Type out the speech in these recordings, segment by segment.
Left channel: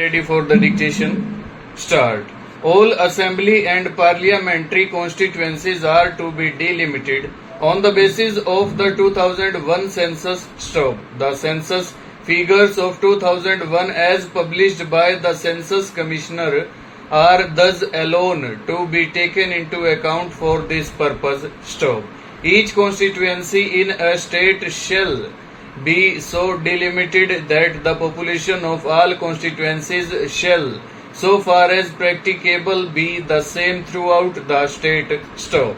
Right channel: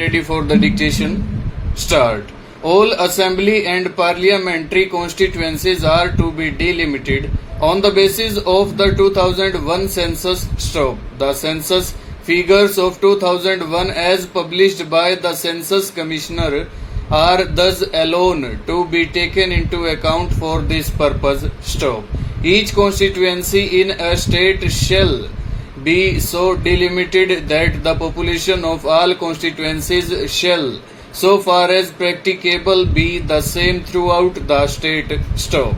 Ready for the dictation? Start. All assembly and parliamentary constituencies are to be delimited on the basis of the 2001 census. Stop. The census figures of 2001 as published by the Census Commissioner are thus alone to be taken into account for this purpose. Stop. Each constituency in a state shall be so delimited that the population of all constituencies shall, so far as practicable, be the same throughout the state. Stop.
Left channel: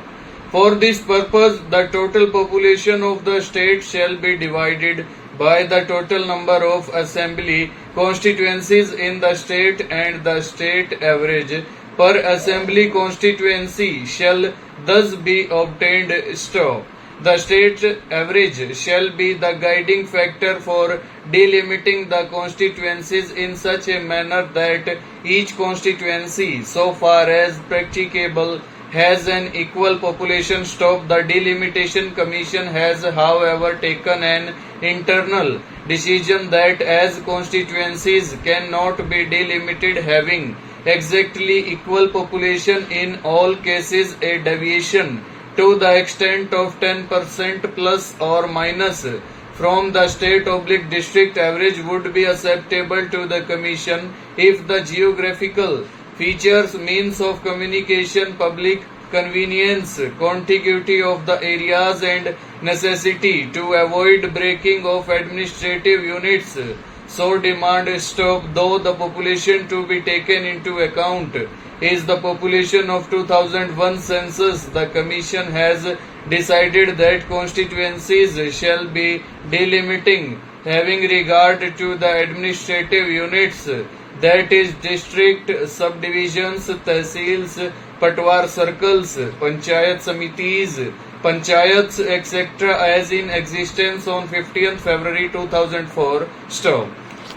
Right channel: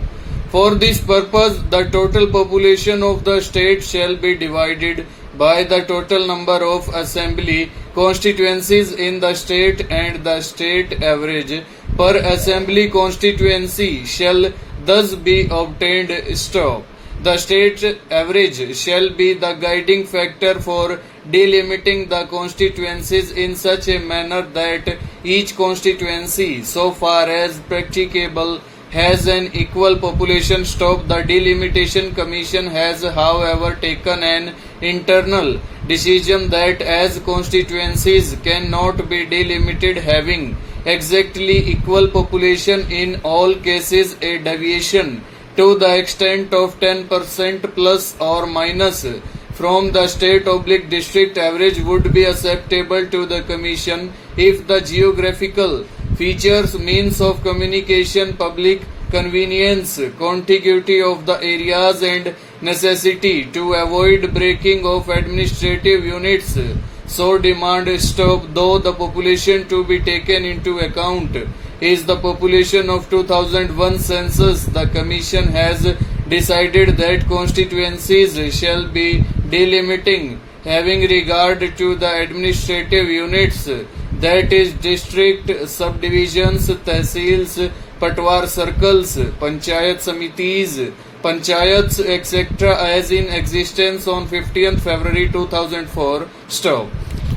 For this purpose, the total population of the state shall be divided by the total number of assembly constituencies in the state, and the state average per assembly constituency shall thus be obtained. Stop. The state average shall be the guiding factor for delimiting the constituencies in such a manner that each constituency, so far as practicable, has an equal population. Stop. The Delimitation Commission has, however, taken an internal decision that as constituencies cannot be delimited having exactly equal population in all cases, a deviation to the extent of 10% plus or minus from the state/district average would be acceptable to the Commission if the geographical features, means of communication, public convenience, contiguity of the areas, and necessity to avoid breaking of administrative units so demand. Stop. Though the population to be taken into account is the population of 2001 census, the Commission has decided that constituencies shall be delimiting having regard to the administrative units, that is district, subdivisions, tehsils, patwar circles, panchayat samitis, panchayats, etc., as in existence on 15th February 2004. Stop.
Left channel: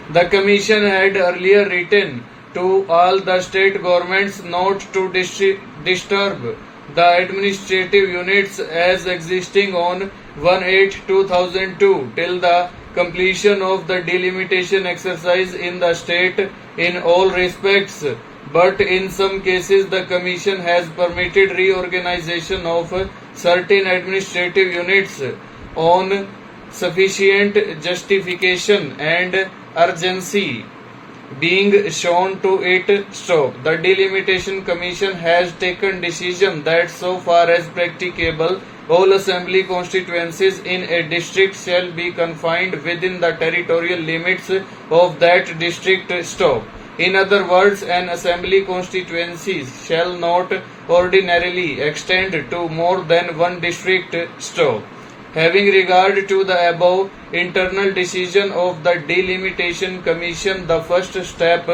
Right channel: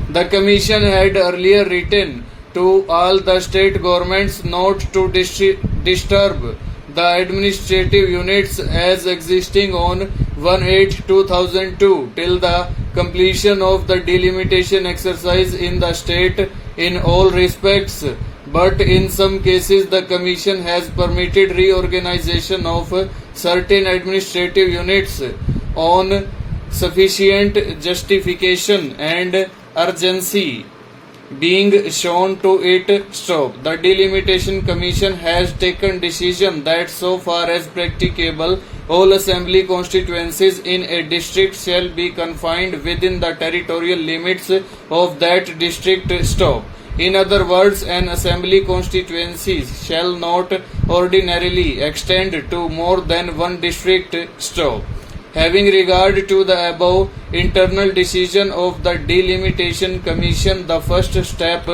The Commission had earlier written to all the state governments not to disturb the administrative units as existing on 1/8/2002 till the completion of the delimitation exercise in the state in all respects, but in some cases the Commission has permitted reorganization of certain administrative units on sufficient justification and urgency being shown to it. Stop. The Delimitation Commission has taken decision that so far as practicable, all assembly constituencies in a district shall be confined within the territorial limits of that district. Stop. In other words, an assembly constituency shall not ordinarily extend to more than one district. Stop. Having regard to the above internal decision of the Delimitation Commission, the first step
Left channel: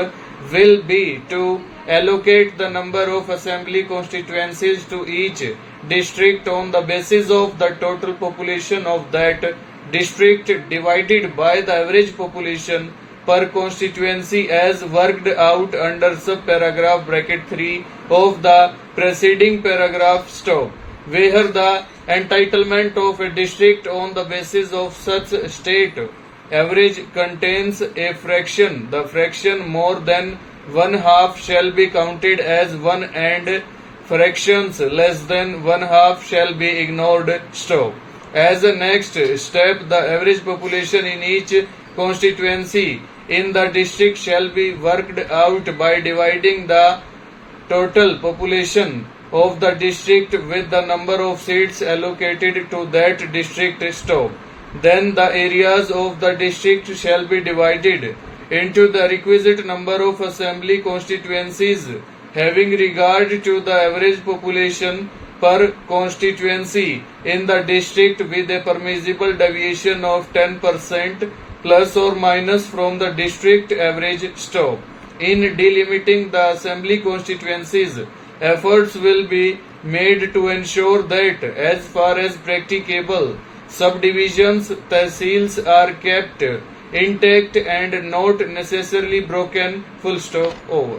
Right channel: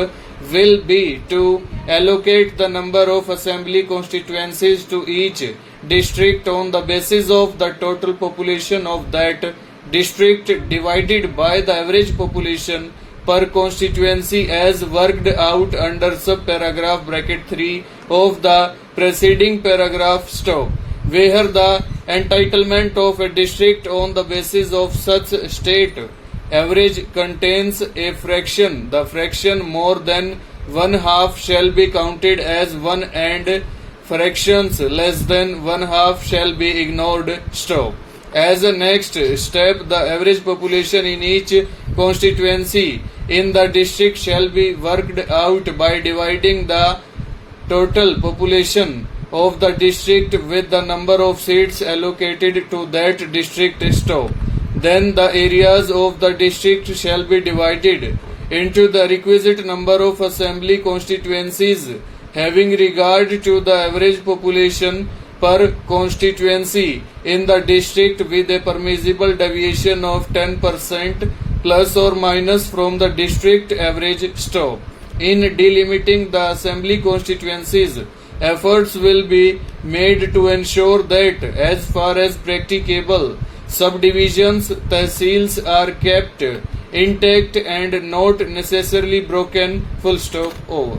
will be to allocate the number of assembly constituencies to each district on the basis of the total population of that district divided by the average population per constituency as worked out under subparagraph bracket 3 of the preceding paragraph. Stop. Where the entitlement of a district on the basis of such state average contains a fraction, the fraction more than one half shall be counted as one, and fractions less than one half shall be ignored. Stop. As a next step, the average population in each constituency in the district shall be worked out by dividing the total population of the district with the number of seats allocated to that district. Stop. Then the areas of the district shall be divided into the requisite number of assembly constituencies having regard to the average population per constituency in the district with a permissible deviation of 10% plus or minus from the district average. Stop. In delimiting the assembly constituencies, efforts will be made to ensure that, as far as practicable, subdivisions, tehsils are kept intact and not necessarily broken. Full stop. Over.